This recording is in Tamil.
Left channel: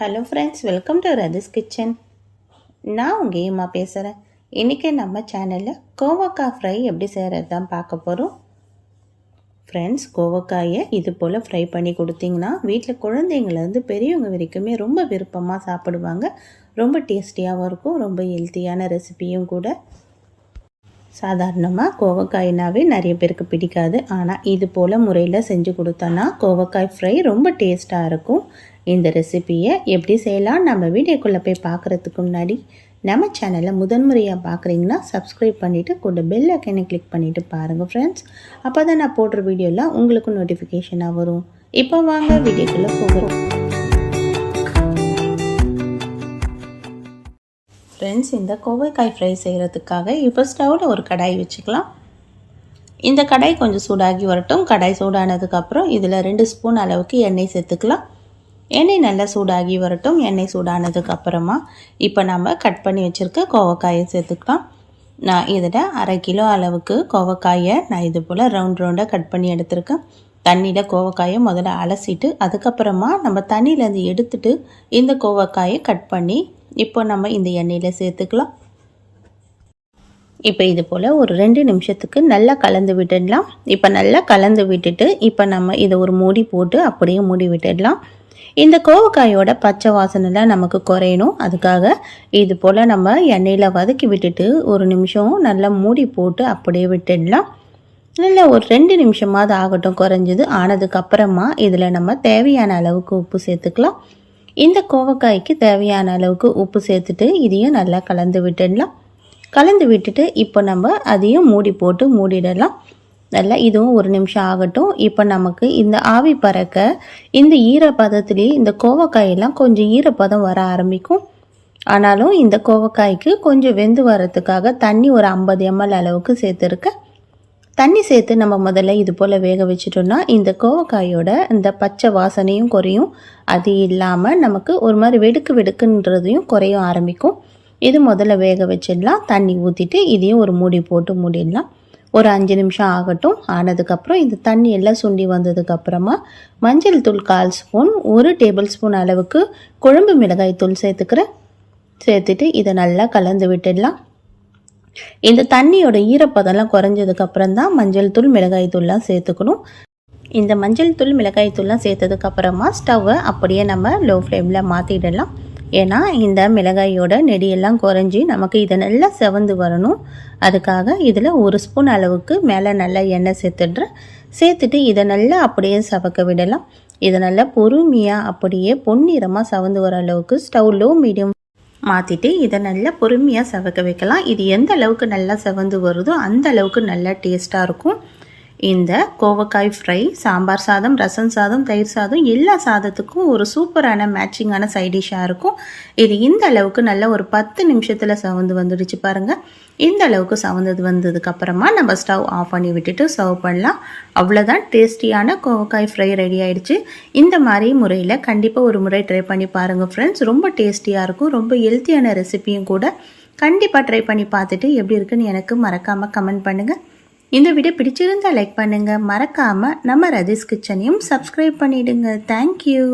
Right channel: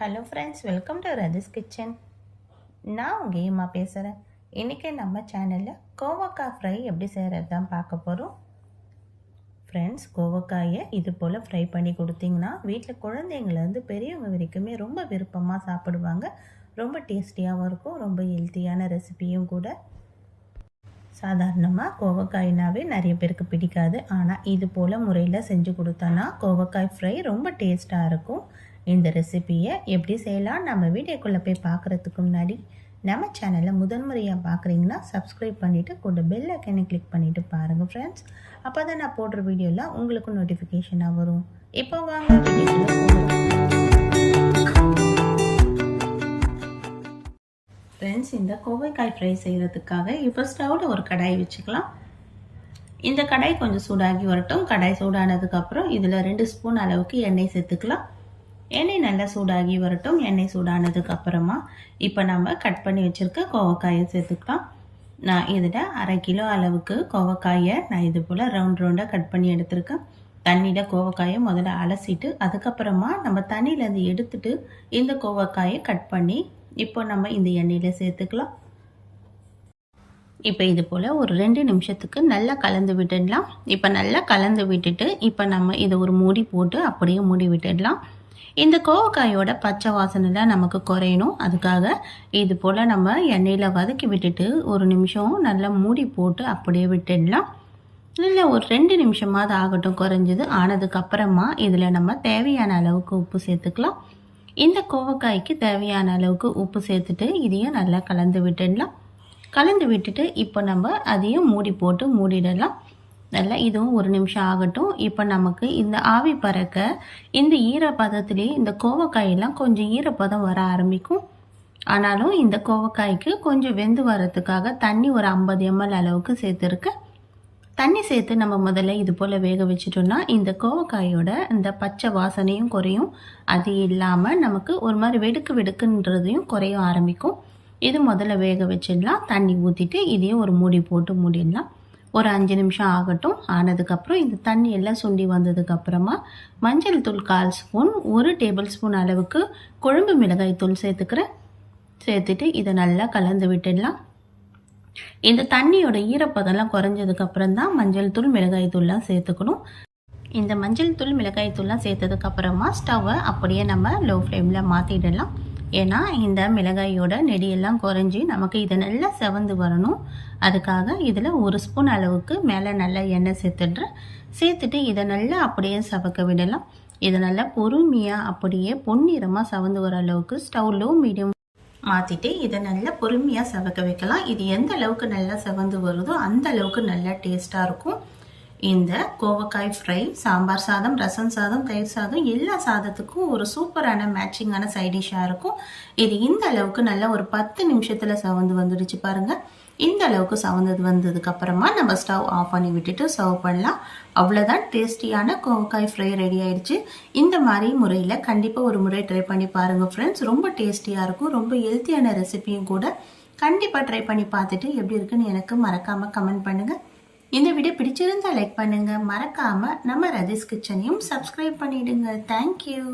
Hello friends, welcome to Rathi's kitchen. நான் உங்கள் ஏமா பேசுகிறேன். இன்றைக்கி நம்ம சேனலில் கோவக்காய் ஃப்ரை எப்படி செய்கிறது தான் பார்க்க போகிறோம். ஃப்ரெண்ட்ஸ், கோவக்காயை இது போல் ஃப்ரை பண்ணி கொடுத்தீங்கன்னா வீட்டில் குழந்தைங்கள்லேருந்து பெரியவங்க வரைக்குமே ரொம்ப விருப்பமாக சாப்பிடுவாங்க. ரொம்ப டேஸ்டியாகவும் இருக்கும், ரொம்ப ஹெல்த்தியான ரெசிபியும் கூட. சாதாரணமாக கோவக்காய்னாவே நிறைய பேருக்கு பிடிக்காது. ஆனால் இது போல் முறையில் செஞ்சு கொடுத்தோன்னா கோவக்காய் ஃப்ரை ரொம்ப டேஸ்ட்டாக இருக்கும். இந்த ரெசிப்பியை எப்படி செய்யலாம் நம்ம வீடியோக்குள்ளே போய் பார்க்குறதுக்கு முன்னாடி நம்ம சேனலை முதன்முறையாக பார்க்குறீங்கன்னா சப்ஸ்கிரைப் பண்ணிவிட்டு கூட பெல் ஐக்கனை கிளிக் பண்ணிவிட்டு பாருங்கள் ஃப்ரெண்ட்ஸ். அப்போ தான் நான் போடுற வீடியோலாம் உங்களுக்கு நோட்டிஃபிகேஷனாக வரும். இப்போ வாங்க வீடியோக்குள்ளே போகிறோம். ஃப்ரெண்ட்ஸ், இந்த கோவைக்காய் ஃப்ரை செய்கிறதுக்காக இப்போ ஸ்டவ்வில் ஒரு கடாய் வச்சுக்கலாம். இந்த கடாய் கொஞ்சம் சூடாகி வரட்டும். கடாய் சூடானதுக்கப்புறம் இதில் 2 ஸ்பூன் அளவுக்கு எண்ணெய் சேர்த்துக்கலாம். எண்ணெய் நல்லா சூடாகி வரட்டும். எண்ணெய் சூடானதுக்கப்புறமா இப்போ நம்ம கட் பண்ணி வச்சுருக்க கோவக்காயை சேர்த்துக்கலாம். நான் இதில் 1/2 கிலோ அளவுக்கு கோவக்காயை நான் இது போல் ரவுண்டாக கட் பண்ணி எடுத்துருக்கேன். தண்ணியில் கோவக்காயை முதல்ல அலசிட்டு அதுக்கப்புறமா நம்ம தண்ணியிலேருந்து எடுத்துட்டு இந்த கோவக்காயை கட் பண்ணி இப்போ நம்ம இந்த எண்ணெயில் சேர்த்துக்கலாம். இப்போ இது போல் ஒரு 2 நிமிஷத்துக்கு நல்லா கலந்து விட்டுடலாம். இப்போ நல்லா கலந்து விட்டுட்டு இப்போ நம்ம இதை ஒரு மூடி போட்டு அப்படியே மூடி விட்டுடலாம். இந்த கோவக்காயோட பச்சை வாசனைலாம் நமக்கு குறையணும். அதுக்காக இது போல் நம்ம எண்ணெயில் வதக்கி விட்டுட்டு ஒரு நிமிஷம் நல்லா மூடி போட்டு அப்படியே விட்டுடலாம். நல்லா ஒரு 2 நிமிஷமாவது ஆகட்டும். குறைஞ்சது ஆனதுக்கப்புறமா இதில் நம்ம தேவையான அளவுக்கு உப்பு சேர்த்துக்கலாம். இந்த கோவக்காய்க்கு தேவையான அளவுக்கு உப்பு சேர்த்துட்டு இதையும் நல்லா கலந்து விட்டுடலாம். கலந்து விட்டுட்டு இப்போ நம்ம அதையும் மூடி போட்டு மூடிடலாம். நல்லா இதுவும் ஒரு நிமிஷம் ஆகட்டும். இப்போ நமக்கு இந்த ஆவி பறக்க இந்த ஈரப்பதத்துலேயே இந்த கோவக்காயெல்லாம் கொஞ்சம் ஈரப்பதம் வர ஆரம்பிக்கும். ஆனாலும் இந்த கோவக்காய்க்கு கொஞ்சம் வெந்து வரத்துக்காக தண்ணி ஒரு 50 ml அளவுக்கு சேர்த்துருக்கேன். தண்ணி சேர்த்து நம்ம முதல்ல இது போல் வேக வச்சிட்டோம்னா இந்த கோவக்காயோட இந்த பச்சை வாசனையும் குறையும். அது இல்லாமல் நமக்கு ஒரு மாதிரி வெடுக்குன்றதையும் குறையும் ஆரம்பிக்கும். இது முதல்ல வேக வச்சிடலாம். தண்ணி ஊற்றிட்டு இதையும் ஒரு மூடி போட்டு மூடிடலாம். ஒரு 5 நிமிஷம் ஆகட்டும். ஆனதுக்கப்புறம் இந்த தண்ணி எல்லாம் சுண்டி வந்ததுக்கப்புறமா மஞ்சள் தூள் 1/4 ஸ்பூன், 1 டேபிள் ஸ்பூன் அளவுக்கு குழம்பு மிளகாய் தூள் சேர்த்துக்கிறேன். சேர்த்துட்டு இதை நல்லா கலந்து விட்டுடலாம். இந்த தண்ணியோட ஈரப்பதம்லாம் குறைஞ்சதுக்கப்புறம் தான் மஞ்சள் தூள் மிளகாய் தூள்லாம் சேர்த்துக்கணும். இந்த மஞ்சள் தூள் மிளகாய் தூள்லாம் சேர்த்ததுக்கப்புறமா ஸ்டவ்வை அப்படியே நம்ம லோ ஃப்ளேமில் மாற்றிடலாம். ஏன்னா இந்த மிளகாயோட நெடியெல்லாம் குறைஞ்சி நமக்கு இதை நல்லா செவந்து வரணும். அதுக்காக இதில் 1 ஸ்பூன் அளவுக்கு மேலே நல்லா எண்ணெய் சேர்த்துட்டு இதை நல்லா அப்படியே சவக்க விடலாம். இதை நல்லா பொறுமையாக அப்படியே பொன்னிறமாக சவந்து வர அளவுக்கு ஸ்டவ் லோ மீடியம் மாற்றிட்டு இதை நல்லா பொறுமையாக சவக்க வைக்கலாம். இது எந்த அளவுக்கு நல்லா செவந்து வருதோ அந்த அளவுக்கு நல்லா டேஸ்ட்டாக இருக்கும். இந்த கோவக்காய் ஃப்ரை சாம்பார் சாதம், ரசம் சாதம், தயிர் சாதம் எல்லா சாதத்துக்கும் ஒரு சூப்பரான மேட்சிங்கான சைட் டிஷ்ஷாக இருக்கும். இது இந்த அளவுக்கு நல்லா ஒரு 10 நிமிஷத்தில் சவந்து வந்துடுச்சு பாருங்கள். இந்த அளவுக்கு சவந்தது வந்ததுக்கப்புறமா நம்ம ஸ்டவ் ஆஃப் பண்ணி விட்டுட்டு சர்வ் பண்ணலாம். அவ்வளோதான், டேஸ்டியான கோவக்காய் ஃப்ரை ரெடி ஆகிடுச்சு. இந்த மாதிரி முறையில் கண்டிப்பாக ஒரு முறை ட்ரை பண்ணி பாருங்கள் ஃப்ரெண்ட்ஸ். ரொம்ப டேஸ்டியாக இருக்கும், ரொம்ப ஹெல்த்தியான ரெசிபியும் கூட. கண்டிப்பாக ட்ரை பண்ணி பார்த்துட்டு எப்படி இருக்குன்னு எனக்கு மறக்காமல் கமெண்ட் பண்ணுங்கள். இந்த வீடியோ பிடிச்சிருந்தால் லைக் பண்ணுங்கள். மறக்காமல் நம்ம ரதிஸ் கிச்சனையும் சப்ஸ்கிரைப் பண்ணிவிடுங்க. தேங்க்யூ.